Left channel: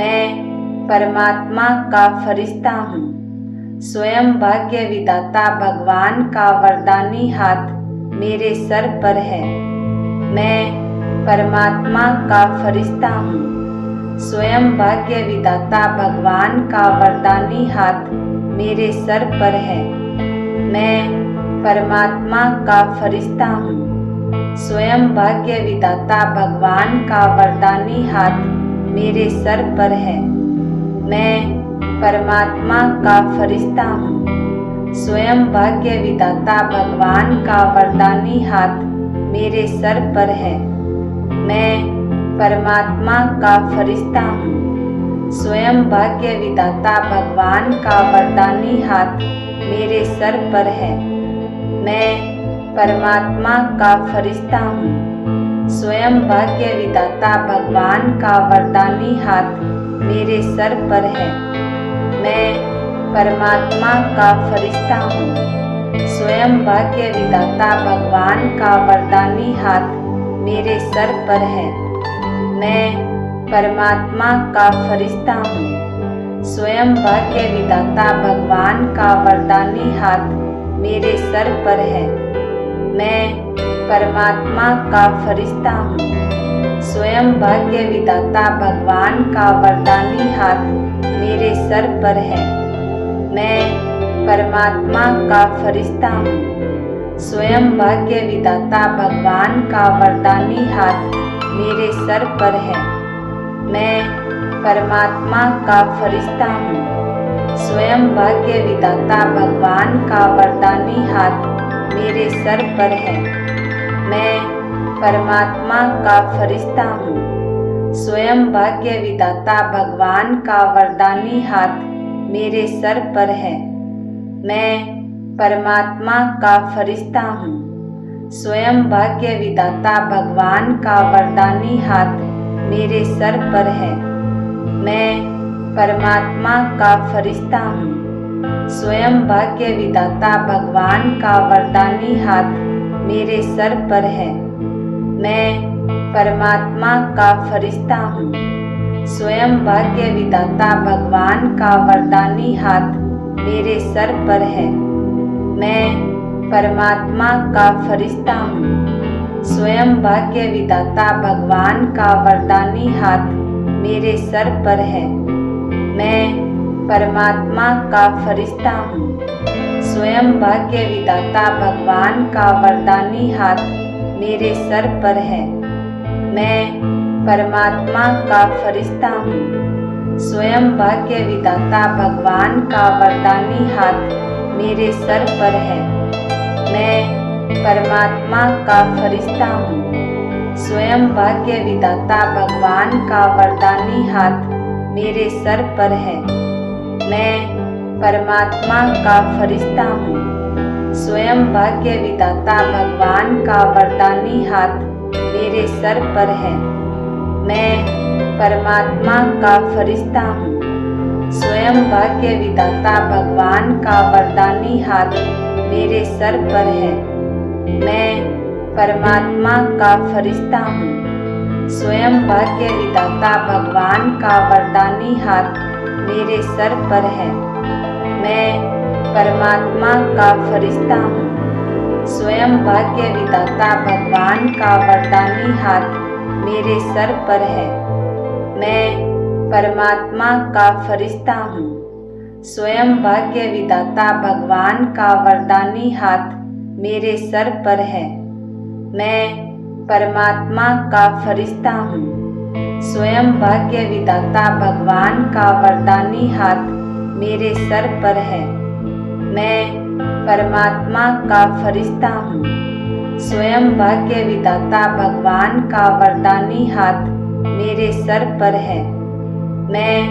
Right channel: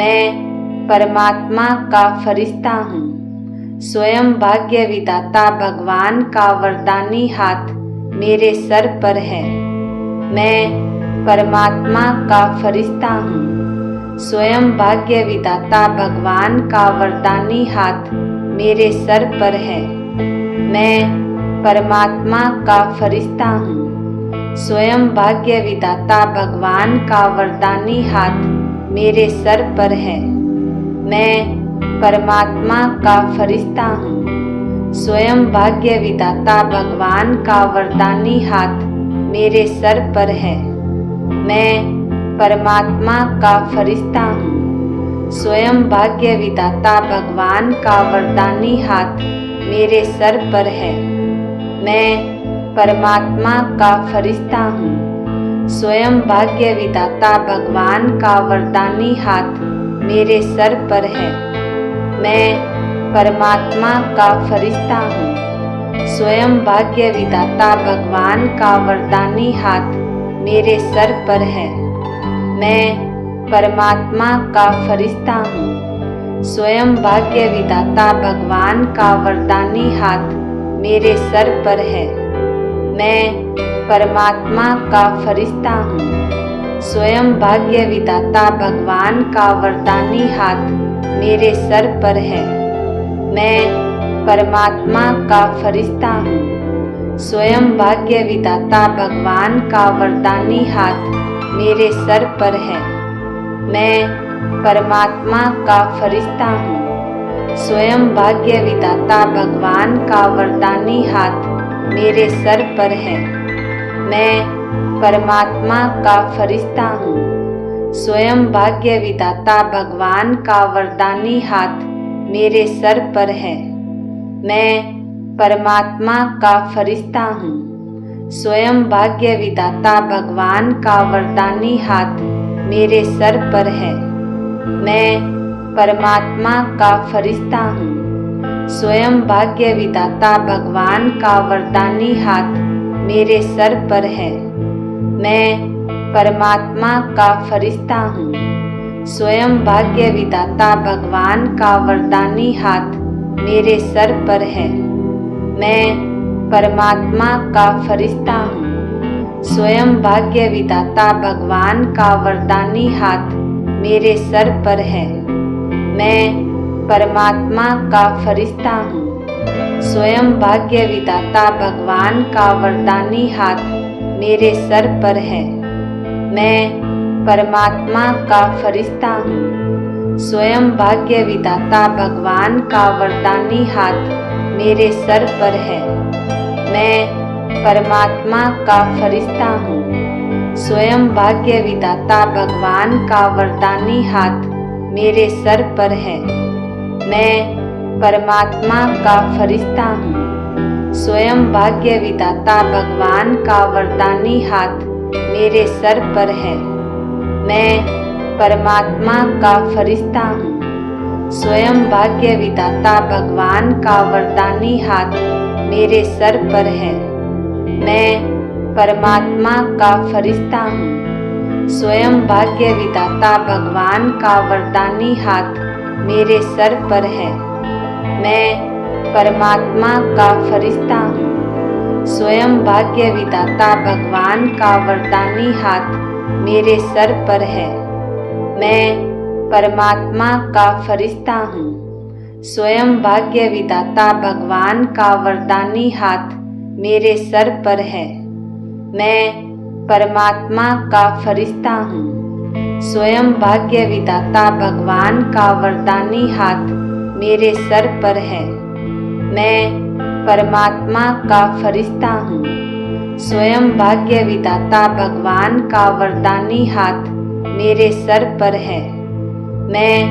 मैं परमात्मा का फरिश्ता हूँ। स्वयं भाग्य विधाता भगवान का वरदानी हाथ मेरे सर पर है। मैं परमात्मा का फरिश्ता हूँ। स्वयं भाग्य विधाता भगवान का वरदानी हाथ मेरे सर पर है। मैं परमात्मा का फरिश्ता हूँ। स्वयं भाग्य विधाता भगवान का वरदानी हाथ मेरे सर पर है। मैं परमात्मा का फरिश्ता हूँ। स्वयं भाग्य विधाता भगवान का वरदानी हाथ मेरे सर पर है। मैं परमात्मा का फरिश्ता हूँ। स्वयं भाग्य विधाता भगवान का वरदानी हाथ मेरे सर पर है। मैं परमात्मा का फरिश्ता हूँ। स्वयं भाग्य विधाता भगवान का वरदानी हाथ मेरे सर पर है। मैं परमात्मा का फरिश्ता हूँ। स्वयं भाग्य विधाता भगवान का वरदानी हाथ मेरे सर पर है। मैं परमात्मा का फरिश्ता हूँ। स्वयं भाग्य विधाता भगवान का वरदानी हाथ मेरे सर पर है। मैं परमात्मा का फरिश्ता हूँ। स्वयं भाग्य विधाता भगवान का वरदानी हाथ मेरे सर पर है। मैं परमात्मा का फरिश्ता हूँ। स्वयं भाग्य विधाता भगवान का वरदानी हाथ मेरे सर पर है। मैं परमात्मा का फरिश्ता हूँ। स्वयं भाग्य विधाता भगवान का वरदानी हाथ मेरे सर पर है। मैं परमात्मा का फरिश्ता हूँ। स्वयं भाग्य विधाता भगवान का वरदानी हाथ मेरे सर पर है। मैं परमात्मा का फरिश्ता हूँ। स्वयं भाग्य विधाता भगवान का वरदानी हाथ मेरे सर पर है। मैं परमात्मा का फरिश्ता हूँ। स्वयं भाग्य विधाता भगवान का वरदानी हाथ मेरे सर पर है। मैं परमात्मा का फरिश्ता हूँ। स्वयं भाग्य विधाता भगवान का वरदानी हाथ मेरे सर पर है। मैं परमात्मा का फरिश्ता हूँ। स्वयं भाग्य विधाता भगवान का वरदानी हाथ मेरे सर पर है। मैं परमात्मा का फरिश्ता हूँ। स्वयं भाग्य विधाता भगवान का वरदानी हाथ मेरे सर पर है। मैं परमात्मा का फरिश्ता हूँ। स्वयं भाग्य विधाता भगवान का वरदानी हाथ मेरे सर पर है। मैं परमात्मा का फरिश्ता हूँ। स्वयं भाग्य विधाता भगवान का वरदानी हाथ मेरे सर पर है। मैं परमात्मा का फरिश्ता हूँ। स्वयं भाग्य विधाता भगवान का वरदानी हाथ मेरे सर पर है। मैं परमात्मा का फरिश्ता हूँ। स्वयं भाग्य विधाता भगवान का वरदानी हाथ मेरे सर पर है। मैं परमात्मा का फरिश्ता हूँ। स्वयं भाग्य विधाता भगवान का वरदानी हाथ मेरे सर पर है। मैं परमात्मा का फरिश्ता हूँ। स्वयं भाग्य विधाता भगवान का वरदानी हाथ मेरे सर पर है। मैं परमात्मा का फरिश्ता हूँ। स्वयं भाग्य विधाता भगवान का वरदानी हाथ मेरे सर पर है। मैं परमात्मा का फरिश्ता हूँ। स्वयं भाग्य विधाता भगवान का वरदानी हाथ मेरे सर पर है। मैं परमात्मा का फरिश्ता हूँ। स्वयं भाग्य विधाता भगवान का वरदानी हाथ मेरे सर पर है। मैं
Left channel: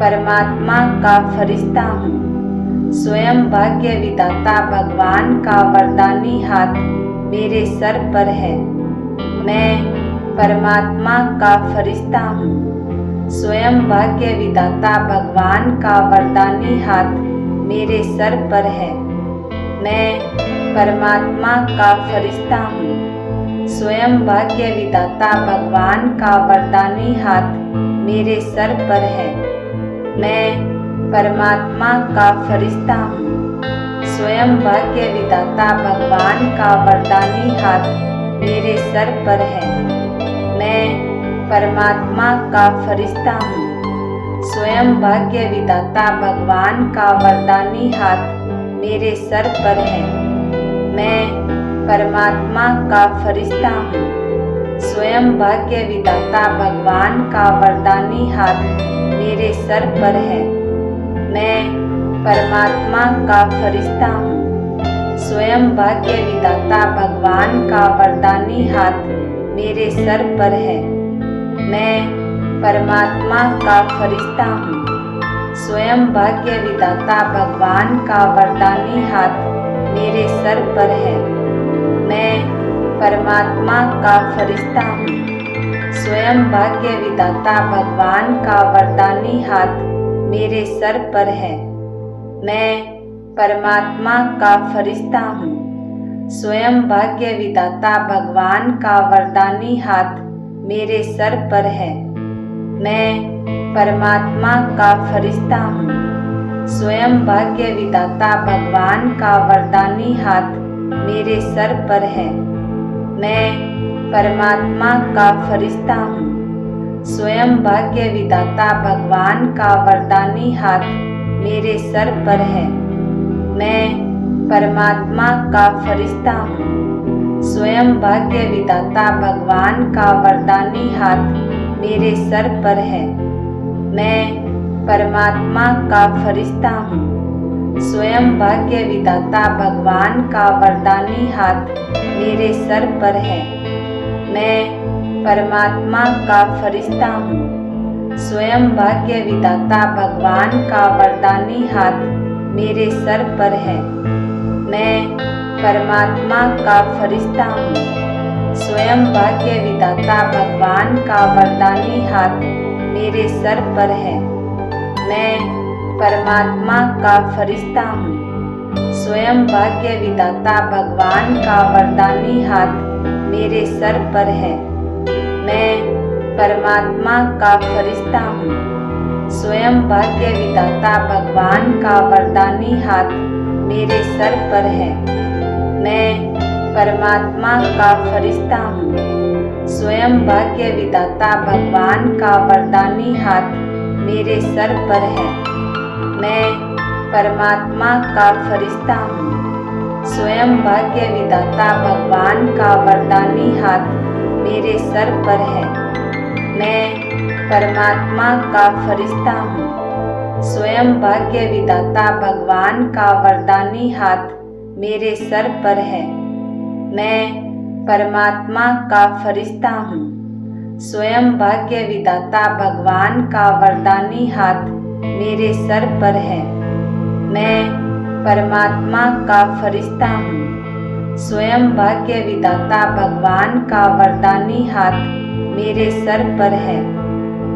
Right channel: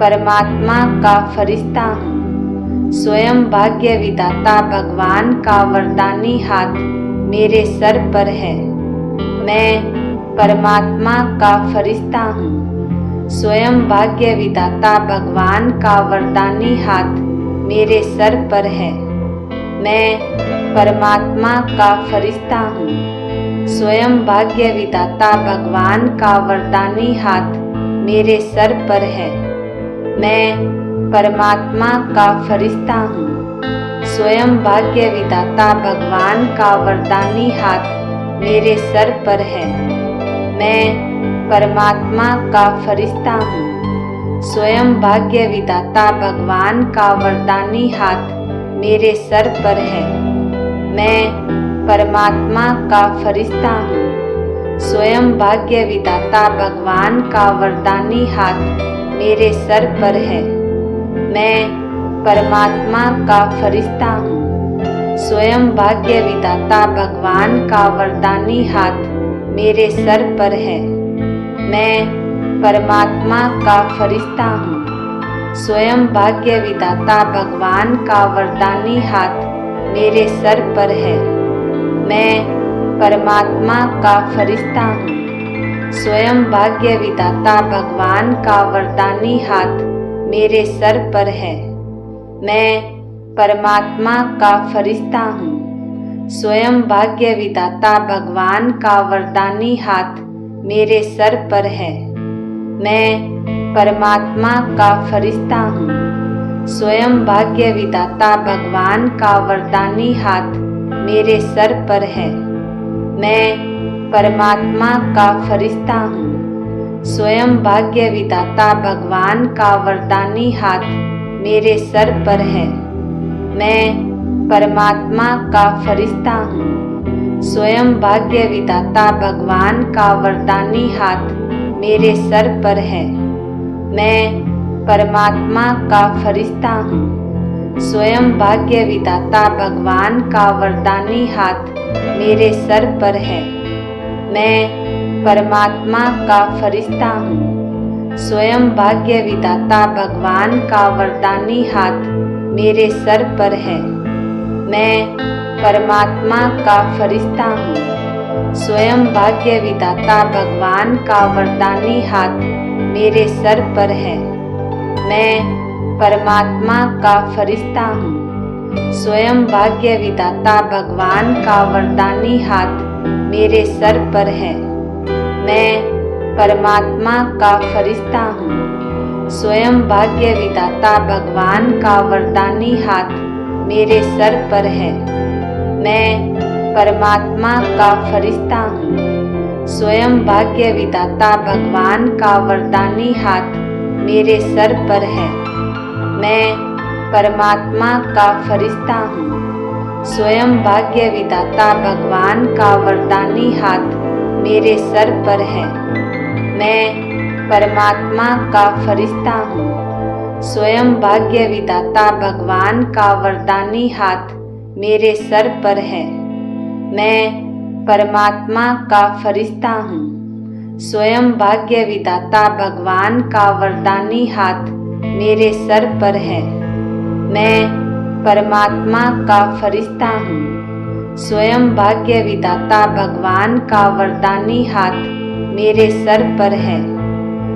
परमात्मा का फरिश्ता हूँ। स्वयं भाग्य विधाता भगवान का वरदानी हाथ मेरे सर पर है। मैं परमात्मा का फरिश्ता हूँ। स्वयं भाग्य विधाता भगवान का वरदानी हाथ मेरे सर पर है। मैं परमात्मा का फरिश्ता हूँ। स्वयं भाग्य विधाता भगवान का वरदानी हाथ मेरे सर पर है। मैं परमात्मा का फरिश्ता हूँ। स्वयं भाग्य विधाता भगवान का वरदानी हाथ मेरे सर पर है। मैं परमात्मा का फरिश्ता हूँ। स्वयं भाग्य विधाता भगवान का वरदानी हाथ मेरे सर पर है। मैं परमात्मा का फरिश्ता हूँ। स्वयं भाग्य विधाता भगवान का वरदानी हाथ मेरे सर पर है। मैं परमात्मा का फरिश्ता हूँ। स्वयं भाग्य विधाता भगवान का वरदानी हाथ मेरे सर पर है। मैं परमात्मा का फरिश्ता हूँ। स्वयं भाग्य विधाता भगवान का वरदानी हाथ मेरे सर पर है। मैं परमात्मा का फरिश्ता हूँ। स्वयं भाग्य विधाता भगवान का वरदानी हाथ मेरे सर पर है। मैं परमात्मा का फरिश्ता हूँ। स्वयं भाग्य विधाता भगवान का वरदानी हाथ मेरे सर पर है। मैं परमात्मा का फरिश्ता हूँ। स्वयं भाग्य विधाता भगवान का वरदानी हाथ मेरे सर पर है। मैं परमात्मा का फरिश्ता हूँ। स्वयं भाग्य विधाता भगवान का वरदानी हाथ मेरे सर पर है। मैं परमात्मा का फरिश्ता हूँ। स्वयं भाग्य विधाता भगवान का वरदानी हाथ मेरे सर पर है। मैं परमात्मा का फरिश्ता हूँ। स्वयं भाग्य विधाता भगवान का वरदानी हाथ मेरे सर पर है। मैं परमात्मा का फरिश्ता हूँ। स्वयं भाग्य विधाता भगवान का वरदानी हाथ मेरे सर पर है। मैं परमात्मा का फरिश्ता हूँ। स्वयं भाग्य विधाता भगवान का वरदानी हाथ मेरे सर पर है। मैं परमात्मा का फरिश्ता हूँ। स्वयं भाग्य विधाता भगवान का वरदानी हाथ मेरे सर पर है। मैं परमात्मा का फरिश्ता हूँ। स्वयं भाग्य विधाता भगवान का वरदानी हाथ मेरे सर पर है। मैं परमात्मा का फरिश्ता हूँ। स्वयं भाग्य विधाता भगवान का वरदानी हाथ मेरे सर पर है। मैं परमात्मा का फरिश्ता हूँ। स्वयं भाग्य विधाता भगवान का वरदानी हाथ मेरे सर पर है। मैं परमात्मा का फरिश्ता हूँ। स्वयं भाग्य विधाता भगवान का वरदानी हाथ मेरे सर पर है। मैं परमात्मा का फरिश्ता हूँ। स्वयं भाग्य विधाता भगवान का वरदानी हाथ मेरे सर पर है। मैं परमात्मा का फरिश्ता हूँ। स्वयं भाग्य विधाता भगवान का वरदानी हाथ मेरे सर पर है।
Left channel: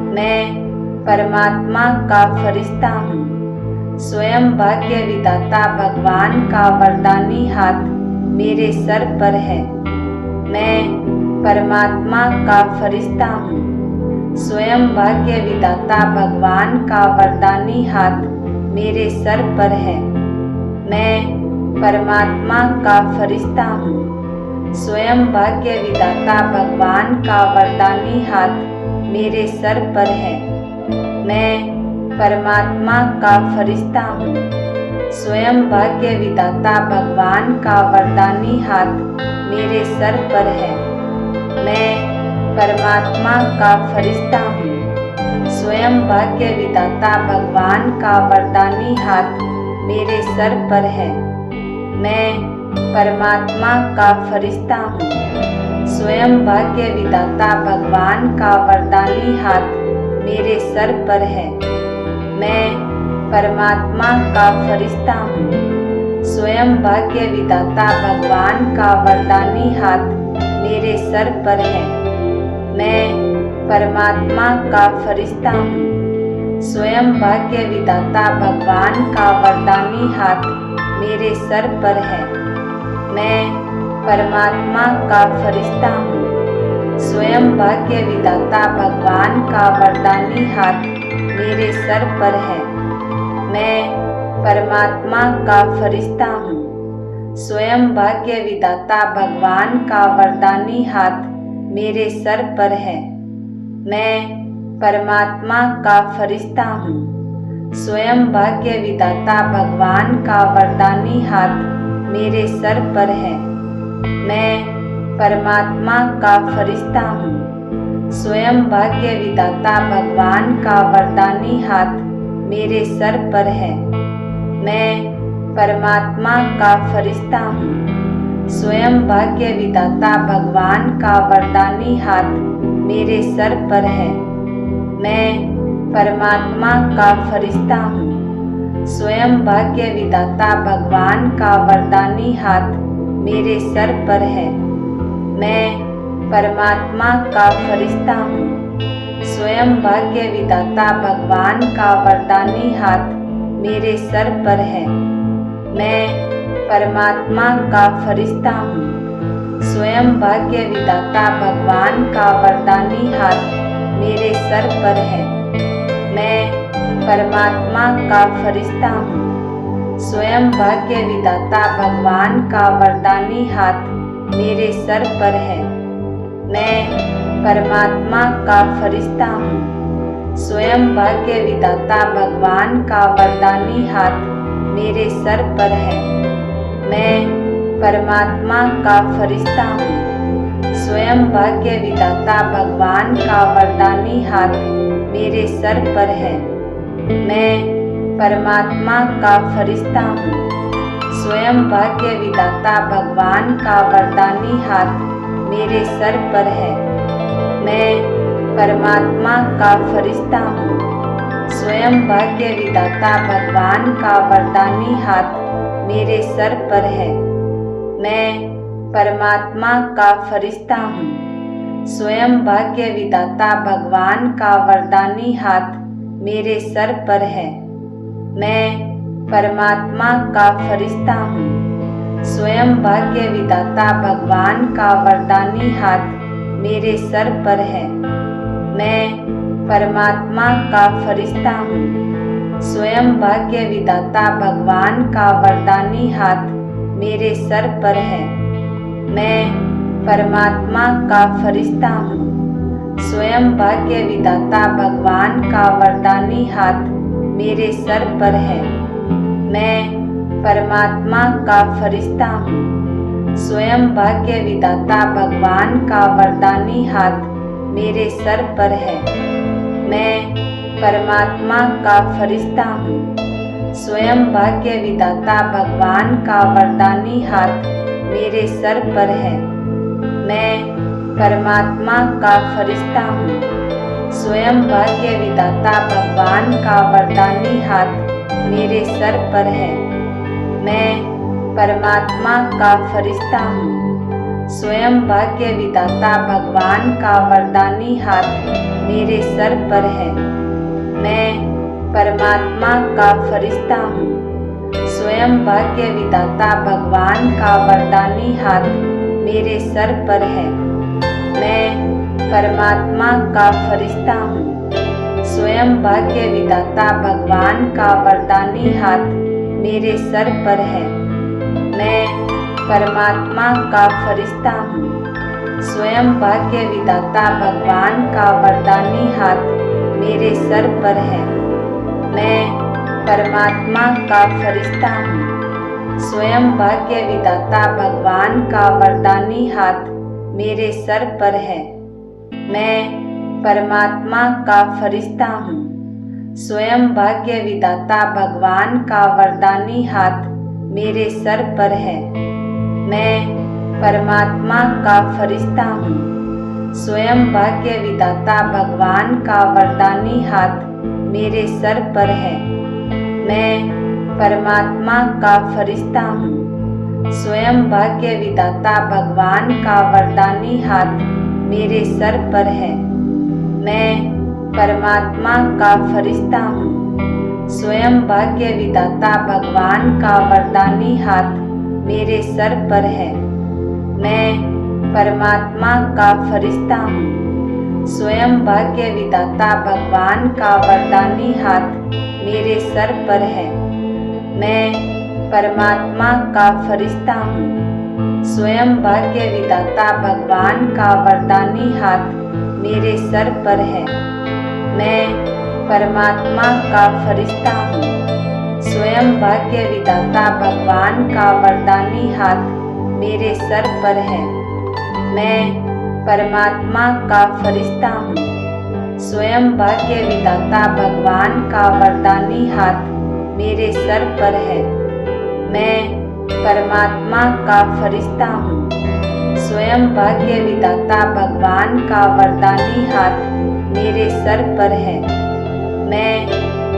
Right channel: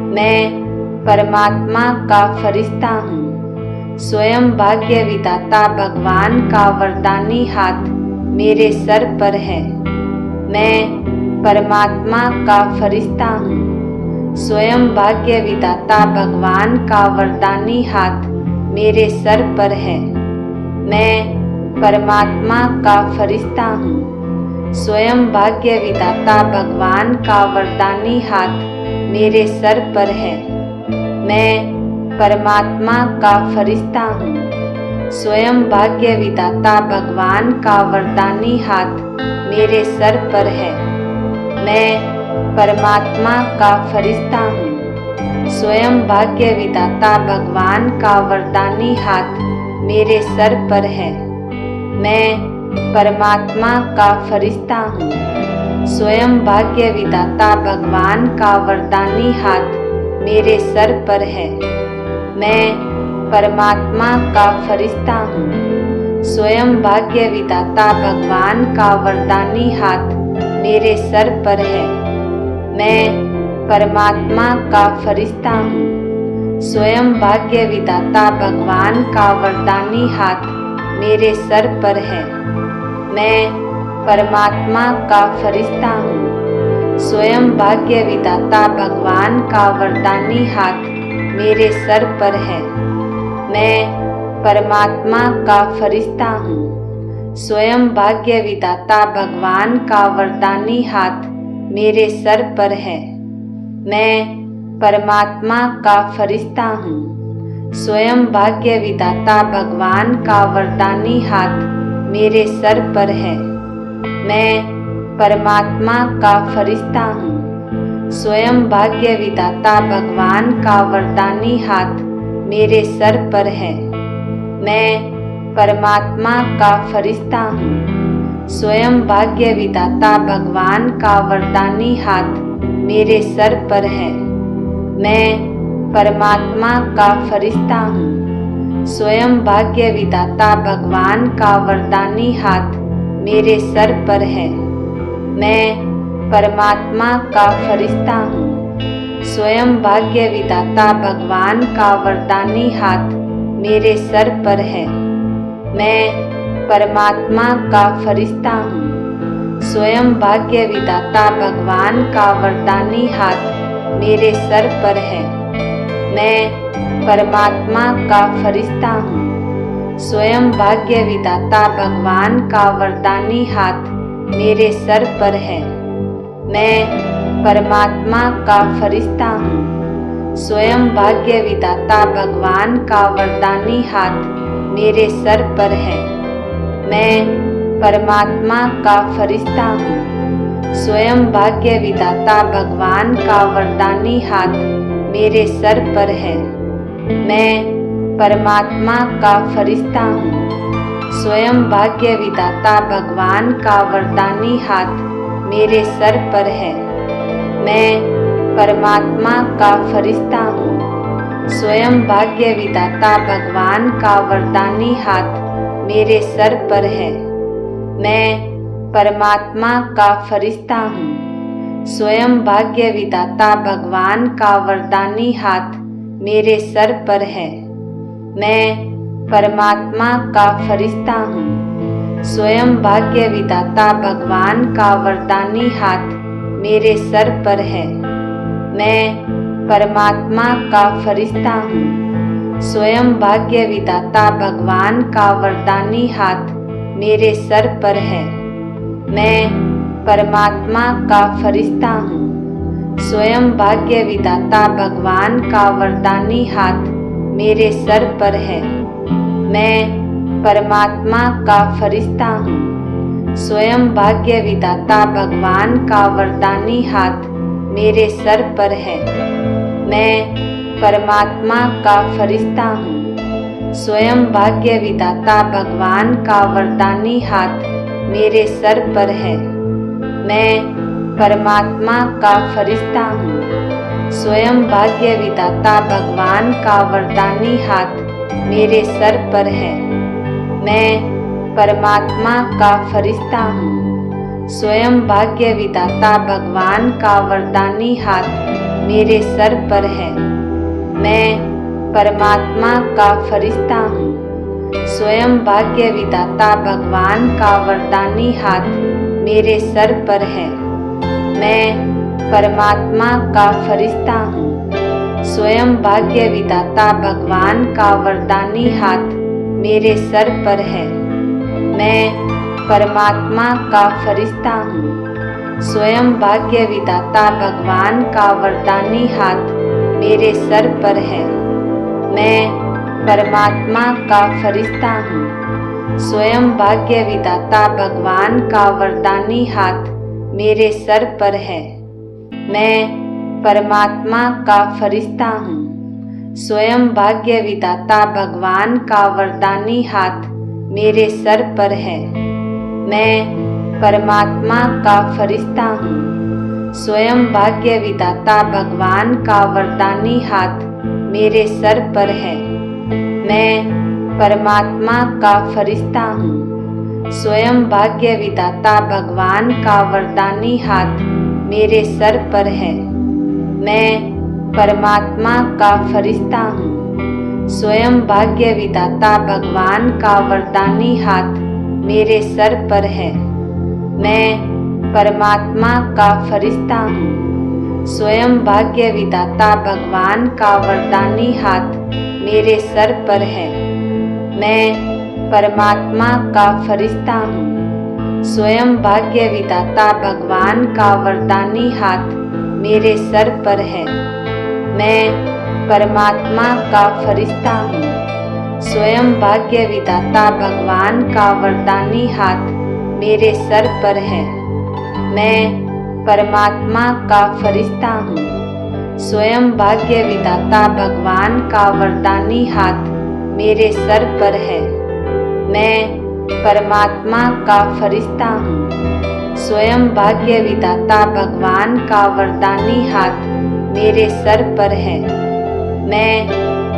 मैं परमात्मा का फरिश्ता हूँ। स्वयं भाग्य विधाता भगवान का वरदानी हाथ मेरे सर पर है। मैं परमात्मा का फरिश्ता हूँ। स्वयं भाग्य विधाता भगवान का वरदानी हाथ मेरे सर पर है। मैं परमात्मा का फरिश्ता हूँ। स्वयं भाग्य विधाता भगवान का वरदानी हाथ मेरे सर पर है। मैं परमात्मा का फरिश्ता हूँ। स्वयं भाग्य विधाता भगवान का वरदानी हाथ मेरे सर पर है। मैं परमात्मा का फरिश्ता हूँ। स्वयं भाग्य विधाता भगवान का वरदानी हाथ मेरे सर पर है। मैं परमात्मा का फरिश्ता हूँ। स्वयं भाग्य विधाता भगवान का वरदानी हाथ मेरे सर पर है। मैं परमात्मा का फरिश्ता हूँ। स्वयं भाग्य विधाता भगवान का वरदानी हाथ मेरे सर पर है। मैं परमात्मा का फरिश्ता हूँ। स्वयं भाग्य विधाता भगवान का वरदानी हाथ मेरे सर पर है। मैं परमात्मा का फरिश्ता हूँ। स्वयं भाग्य विधाता भगवान का वरदानी हाथ मेरे सर पर है। मैं परमात्मा का फरिश्ता हूँ। स्वयं भाग्य विधाता भगवान का वरदानी हाथ मेरे सर पर है। मैं परमात्मा का फरिश्ता हूँ। स्वयं भाग्य विधाता भगवान का वरदानी हाथ मेरे सर पर है। मैं परमात्मा का फरिश्ता हूँ। स्वयं भाग्य विधाता भगवान का वरदानी हाथ मेरे सर पर है। मैं परमात्मा का फरिश्ता हूँ। स्वयं भाग्य विधाता भगवान का वरदानी हाथ मेरे सर पर है। मैं परमात्मा का फरिश्ता हूँ। स्वयं भाग्य विधाता भगवान का वरदानी हाथ मेरे सर पर है। मैं परमात्मा का फरिश्ता हूँ। स्वयं भाग्य विधाता भगवान का वरदानी हाथ मेरे सर पर है। मैं परमात्मा का फरिश्ता हूँ। स्वयं भाग्य विधाता भगवान का वरदानी हाथ मेरे सर पर है। मैं परमात्मा का फरिश्ता हूँ। स्वयं भाग्य विधाता भगवान का वरदानी हाथ मेरे सर पर है। मैं परमात्मा का फरिश्ता हूँ। स्वयं भाग्य विधाता भगवान का वरदानी हाथ मेरे सर पर है। मैं परमात्मा का फरिश्ता हूँ। स्वयं भाग्य विधाता भगवान का वरदानी हाथ मेरे सर पर है। मैं परमात्मा का फरिश्ता हूँ। स्वयं भाग्य विधाता भगवान का वरदानी हाथ मेरे सर पर है। मैं परमात्मा का फरिश्ता हूँ। स्वयं भाग्य विधाता भगवान का वरदानी हाथ मेरे सर पर है। मैं परमात्मा का फरिश्ता हूँ। स्वयं भाग्य विधाता भगवान का वरदानी हाथ मेरे सर पर है। मैं परमात्मा का फरिश्ता हूँ। स्वयं भाग्य विधाता भगवान का वरदानी हाथ मेरे सर पर है। मैं परमात्मा का फरिश्ता हूँ। स्वयं भाग्य विधाता भगवान का वरदानी हाथ मेरे सर पर है। मैं परमात्मा का फरिश्ता हूँ। स्वयं भाग्य विधाता भगवान का वरदानी हाथ मेरे सर पर है। मैं परमात्मा का फरिश्ता हूँ। स्वयं भाग्य विधाता भगवान का वरदानी हाथ मेरे सर पर है। मैं परमात्मा का फरिश्ता हूँ। स्वयं भाग्य विधाता भगवान का वरदानी हाथ मेरे सर पर है। मैं परमात्मा का फरिश्ता हूँ। स्वयं भाग्य विधाता भगवान का वरदानी हाथ मेरे सर पर है। मैं परमात्मा का फरिश्ता हूँ। स्वयं भाग्य विधाता भगवान का वरदानी हाथ मेरे सर पर है। मैं परमात्मा का फरिश्ता हूँ। स्वयं भाग्य विधाता भगवान का वरदानी हाथ मेरे सर पर है। मैं परमात्मा का फरिश्ता हूँ। स्वयं भाग्य विधाता भगवान का वरदानी हाथ मेरे सर पर है। मैं परमात्मा का फरिश्ता हूँ। स्वयं भाग्य विधाता भगवान का वरदानी हाथ मेरे सर पर है। मैं परमात्मा का फरिश्ता हूँ। स्वयं भाग्य विधाता भगवान का वरदानी हाथ मेरे सर पर है। मैं परमात्मा का फरिश्ता हूँ। स्वयं भाग्य विधाता भगवान का वरदानी हाथ मेरे सर पर है। मैं परमात्मा का फरिश्ता हूँ। स्वयं भाग्य विधाता भगवान का वरदानी हाथ मेरे सर पर है। मैं परमात्मा का फरिश्ता हूँ। स्वयं भाग्य विधाता भगवान का वरदानी हाथ मेरे सर पर है। मैं परमात्मा का फरिश्ता हूँ। स्वयं भाग्य विधाता भगवान का वरदानी हाथ मेरे सर पर है। मैं परमात्मा का फरिश्ता हूँ। स्वयं भाग्य विधाता भगवान का वरदानी हाथ मेरे सर पर है। मैं परमात्मा का फरिश्ता हूँ। स्वयं भाग्य विधाता भगवान का वरदानी हाथ मेरे सर पर है। मैं परमात्मा का फरिश्ता हूँ। स्वयं भाग्य विधाता भगवान का वरदानी हाथ मेरे सर पर है। मैं परमात्मा का फरिश्ता हूँ। स्वयं भाग्य विधाता भगवान का वरदानी हाथ मेरे सर पर है। मैं परमात्मा का फरिश्ता हूँ। स्वयं भाग्य विधाता भगवान का वरदानी हाथ मेरे सर पर है। मैं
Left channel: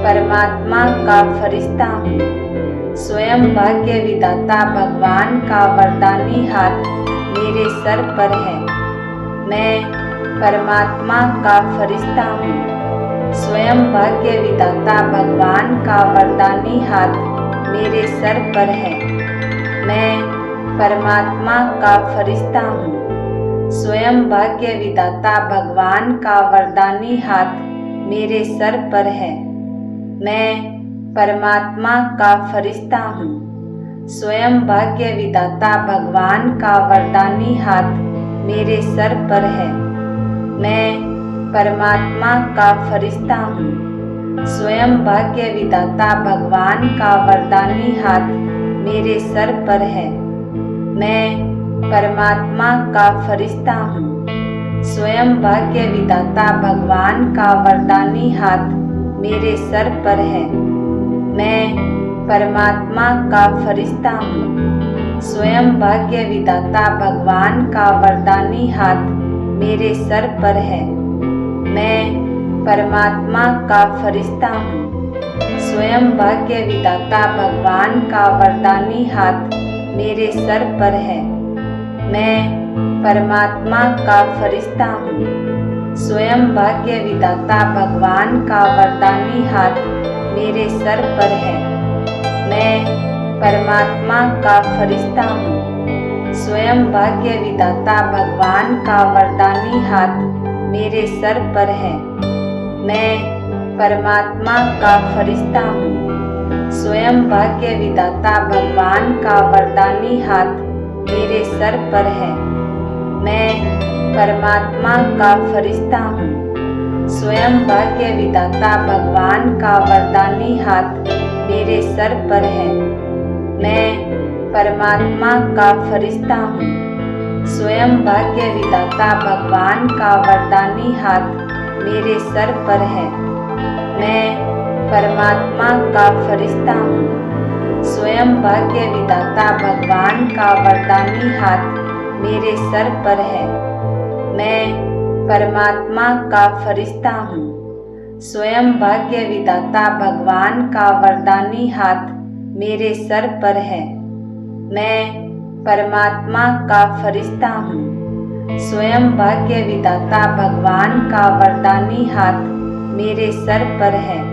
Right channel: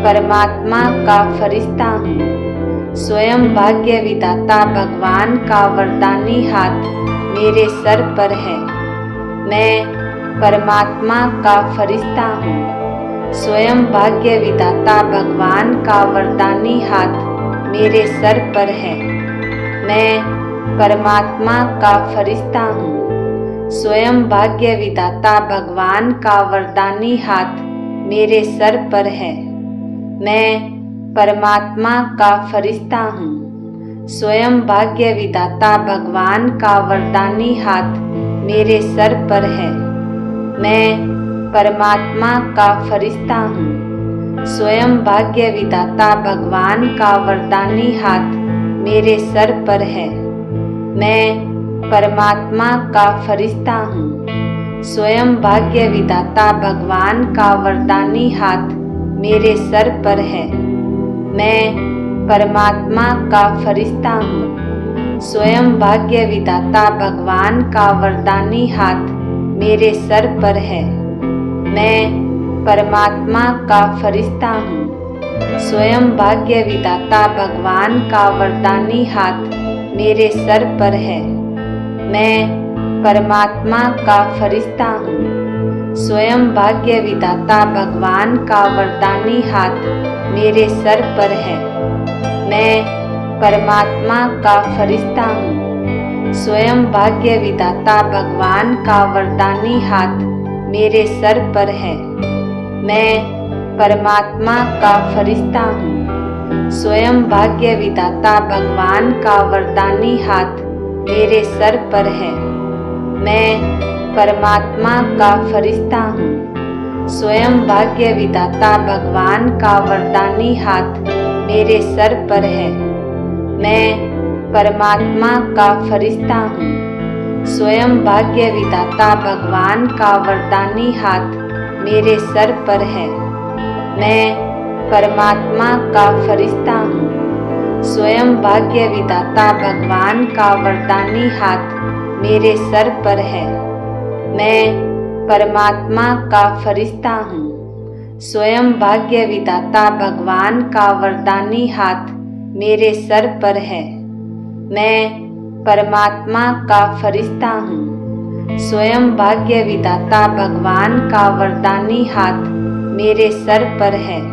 परमात्मा का फरिश्ता हूँ। स्वयं भाग्य विधाता भगवान का वरदानी हाथ मेरे सर पर है। मैं परमात्मा का फरिश्ता हूँ। स्वयं भाग्य विधाता भगवान का वरदानी हाथ मेरे सर पर है। मैं परमात्मा का फरिश्ता हूँ। स्वयं भाग्य विधाता भगवान का वरदानी हाथ मेरे सर पर है। मैं परमात्मा का फरिश्ता हूँ। स्वयं भाग्य विधाता भगवान का वरदानी हाथ मेरे सर पर है। मैं परमात्मा का फरिश्ता हूँ। स्वयं भाग्य विधाता भगवान का वरदानी हाथ मेरे सर पर है। मैं परमात्मा का फरिश्ता हूँ। स्वयं भाग्य विधाता भगवान का वरदानी हाथ मेरे सर पर है। मैं परमात्मा का फरिश्ता हूँ। स्वयं भाग्य विधाता भगवान का वरदानी हाथ मेरे सर पर है। मैं परमात्मा का फरिश्ता हूँ। स्वयं भाग्य विधाता भगवान का वरदानी हाथ मेरे सर पर है। मैं परमात्मा का फरिश्ता हूँ। स्वयं भाग्य विधाता भगवान का वरदानी हाथ मेरे सर पर है। मैं परमात्मा का फरिश्ता हूँ। स्वयं भाग्य विधाता भगवान का वरदानी हाथ मेरे सर पर है। मैं परमात्मा का फरिश्ता हूँ। स्वयं भाग्य विधाता भगवान का वरदानी हाथ मेरे सर पर है। मैं परमात्मा का फरिश्ता हूँ। स्वयं भाग्य विधाता भगवान का वरदानी हाथ मेरे सर पर है। मैं परमात्मा का फरिश्ता हूँ। स्वयं भाग्य विधाता भगवान का वरदानी हाथ मेरे सर पर है। मैं परमात्मा का फरिश्ता हूँ। स्वयं भाग्य विधाता भगवान का वरदानी हाथ मेरे सर पर है। मैं परमात्मा का फरिश्ता हूँ। स्वयं भाग्य विधाता भगवान का वरदानी हाथ मेरे सर पर है। मैं परमात्मा का फरिश्ता हूँ। स्वयं भाग्य विधाता भगवान का वरदानी हाथ मेरे सर पर है।